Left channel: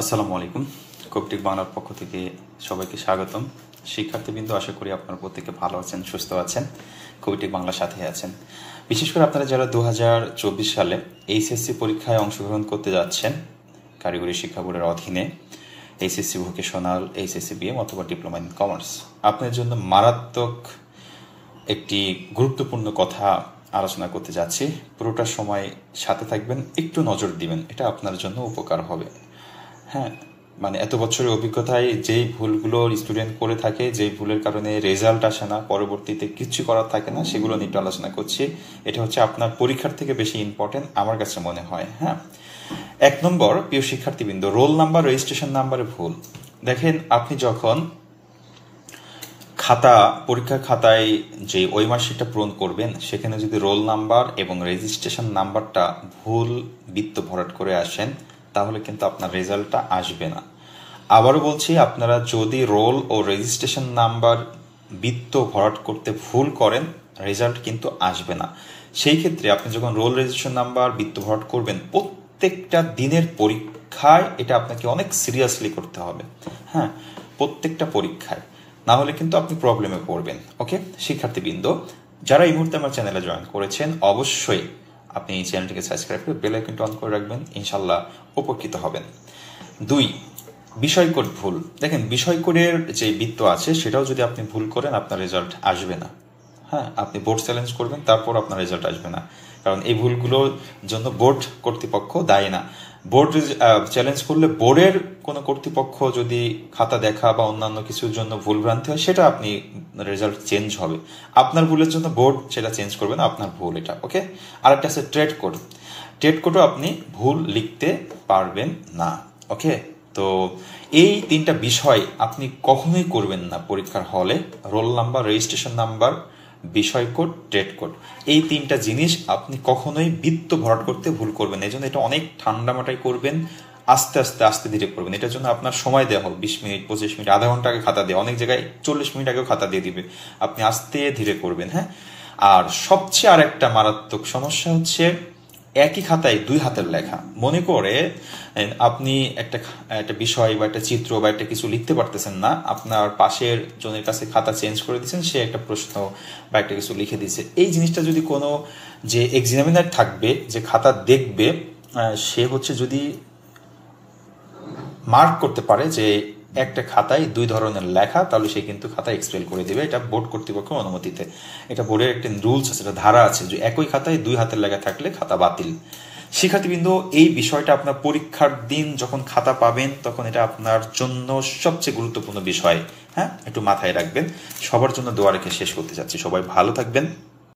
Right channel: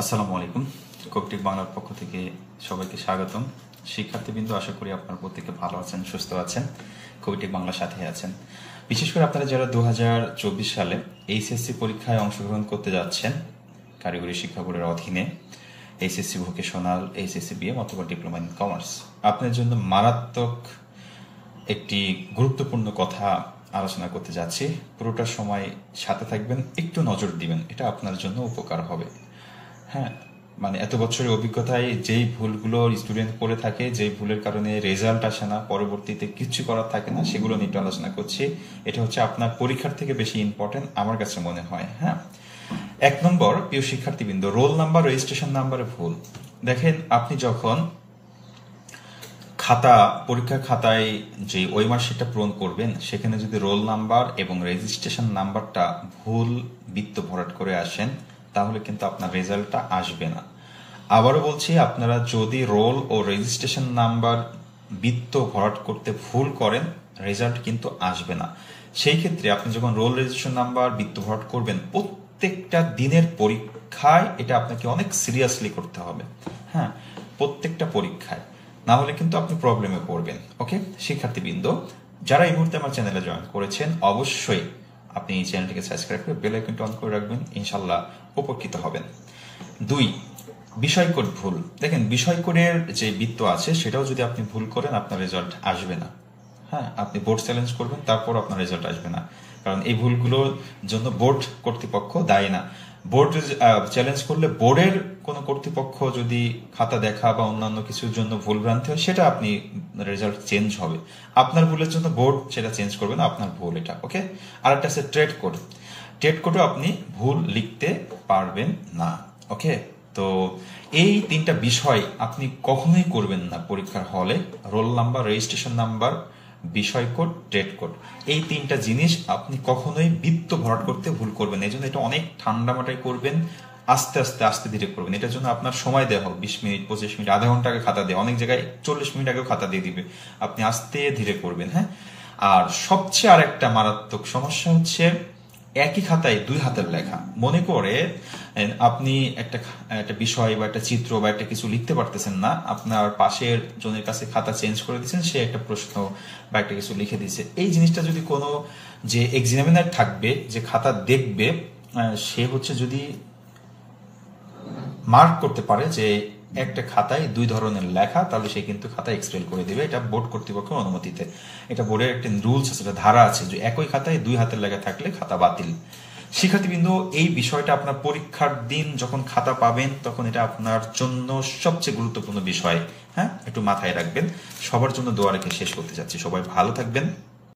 আসসালামু আলাইকুম। কোপটিক বাংলার পক্ষ থেকে সবাইকে স্বাগতম। শিক্ষার্থীবৃন্দ, আশা করি আপনারা প্রত্যেকে ভালো আছেন, সুস্থ আছেন, কোপটিক বাংলার সাথে আছেন। বিশেষ করে আপনারা যারা 2024 সালে এইচএসসি পরীক্ষায় অংশগ্রহণ করতে যাচ্ছেন কারিগরি শিক্ষা বোর্ডের অধীনে, এইচএসসি ভোকেশনাল, এইচএসসি বিএম অথবা ডিপ্লোমা ইন কমার্স, আপনার জন্য মারাত্মক একটি গুরুত্বপূর্ণ কথা আলোচনা করতে যাচ্ছি। পুরোটা সময় সাথে থাকবেন, একটু নজর দিবেন, এটা আপনার জন্য উপকার হবে। হ্যাঁ, মানে এত বছরের অভিজ্ঞতায় যেই ভুলগুলো স্টুডেন্ট করে থাকে, যেই ভুলের কারণে রেজাল্ট আসে না, পরবর্তীতে কিচ্ছু করার থাকে না, সেগুলো নিয়ে আলোচনা করছি। এটা হচ্ছে আপনার পরীক্ষার থেকে বেশি ইম্পর্টেন্ট আমার কাছে মনে হয়। হ্যাঁ, 1 নম্বর, প্রিয় শিক্ষার্থীবৃন্দ, রোল নাম্বার, রেজিস্ট্রেশন নাম্বারে ভুল। দেখেন, আপনি যখন পরীক্ষার খাতায় যে ওই মার্কশিটটা পূরণ করবেন, সেখানে যদি রোল নাম্বার এবং রেজিস্ট্রেশন নাম্বারটা ভুল বৃত্ত ভরাট করে আসেন, তাহলে কিন্তু আপনার রেজাল্টটা আসবে না। আবারও বলছি, আপনারা যদি রোল ও রেজিস্ট্রেশন নাম্বার বৃত্ত ভরাট করতে ভুল করেন, রেজাল্ট কিন্তু আসবে না। সেই ক্ষেত্রে আপনি যখন রোল রেজিস্ট্রেশন নাম্বার বৃত্ত ভরাট করবেন, প্রত্যেকটা দিনের পরীক্ষায় এটা আপনাকে অনেক সিরিয়াসলি করতে হবে। হ্যাঁ, প্রত্যেকটা পরীক্ষায়, না হলে কিন্তু আপনি প্রবলেমে পড়বেন। ওকে শিক্ষার্থীবৃন্দ, যারা এই মুহূর্তে আমার চ্যানেলে জয়েন করেছেন, অবশ্যই আপনি এই চ্যানেলটিকে সাবস্ক্রাইব করে বেল আইকনটি অন করে রাখবেন, ইনশাল্লাহ উপকৃত হবেন। 2, বিষয় কোড ভুল। দেখেন, বিষয় কোডের যে বৃত্ত আছে সেটাও যদি আপনি ভুল করেন, আপনার রেজাল্ট আসবে না। হ্যাঁ, আপনি বোর্ড চ্যালেঞ্জ করবেন, তারপর আপনার রেজাল্ট আসবে না, কারণ এই ভুলগুলোর জন্য বোর্ড কর্তৃপক্ষ দায়ী না। বোর্ড চ্যালেঞ্জ করলে বোর্ডের কোন কর্তৃপক্ষ যদি খাতা দেখা বা অন্যান্য কিছুর জন্য ভুল ভ্রান্তি হয়, সেটা আপনি রেজাল্ট চেঞ্জ হবে। আপনার ভুলের জন্য বোর্ড সেটা চেঞ্জ করবে না, আপনার ভুল এটা। ওকে, আরেকটা আছে ট্রেড কোড। ট্রেড কোডও আপনি ভুল লিখতে পারবেন না। ওকে, তো এই 3টা বিষয় আপনি কখনোই করবেন না পরীক্ষার হলে। রোল নাম্বার, রেজিস্ট্রেশন নাম্বার, বিষয় কোড, ট্রেড কোড, এই 3টা জিনিস আপনি কখনোই বৃত্ত ভরাট করতে ভুল করবেন। এই জন্য এটা অনেক ঠান্ডা মাথায় করবেন, আস্তে আস্তে আস্তে ধীরে করবেন। এটার জন্য আপনার সময় দেওয়া হোক 20 মিনিট, 25 মিনিট, আধা ঘন্টা আগে খাতা দিয়ে, অনেক জায়গায় 40 মিনিট আগেও খাতা দিয়ে দিবে। আপনি আস্তে ধীরে করবেন। হ্যাঁ, আর সবচেয়ে আর একটা মারাত্মক সমস্যা হচ্ছে একই খাতায় 2 হাতের লেখা। মনে করে আপনি একটা বিষয় বা একটা চিত্র বা একটা কিছু লিখতে পারতেছেন না, আপনার পাশের জনের কাছে খাতা চেঞ্জ করে দিচ্ছেন, সে একটা প্রশ্ন বা একটা কিছু লিখে দিচ্ছে। এই জিনিসটা যদি কোনো যে এক্সামিনার থাকবে, যে খাতা দেখবে, সে হচ্ছে যদি মার্ক করতে পারে যে একটা খাতায় 2 ধরনের লেখা, তাহলে সে কিন্তু খাতা এক্সপেল করে দিবে, এটা বোর্ড কর্তৃপক্ষের অনুমতিতে। এটা বোর্ডের একটা রুলস আছে, ধারা আছে, যে একই খাতায় 2 হাতের লেখা থাকলে খাতা বাতিল। শিক্ষার্থীবৃন্দ, এই বিষয়টা আপনার পরীক্ষার দিন যখন খাতা পাবেন, তখন এটা আপনার জন্য সবচেয়ে গুরুত্বপূর্ণ বিষয়। হ্যাঁ, একটু মাথায় রাখবেন। সবার জন্য দোয়া রেখে শেষ করতে চাচ্ছি। সবাই ভালো থাকবেন।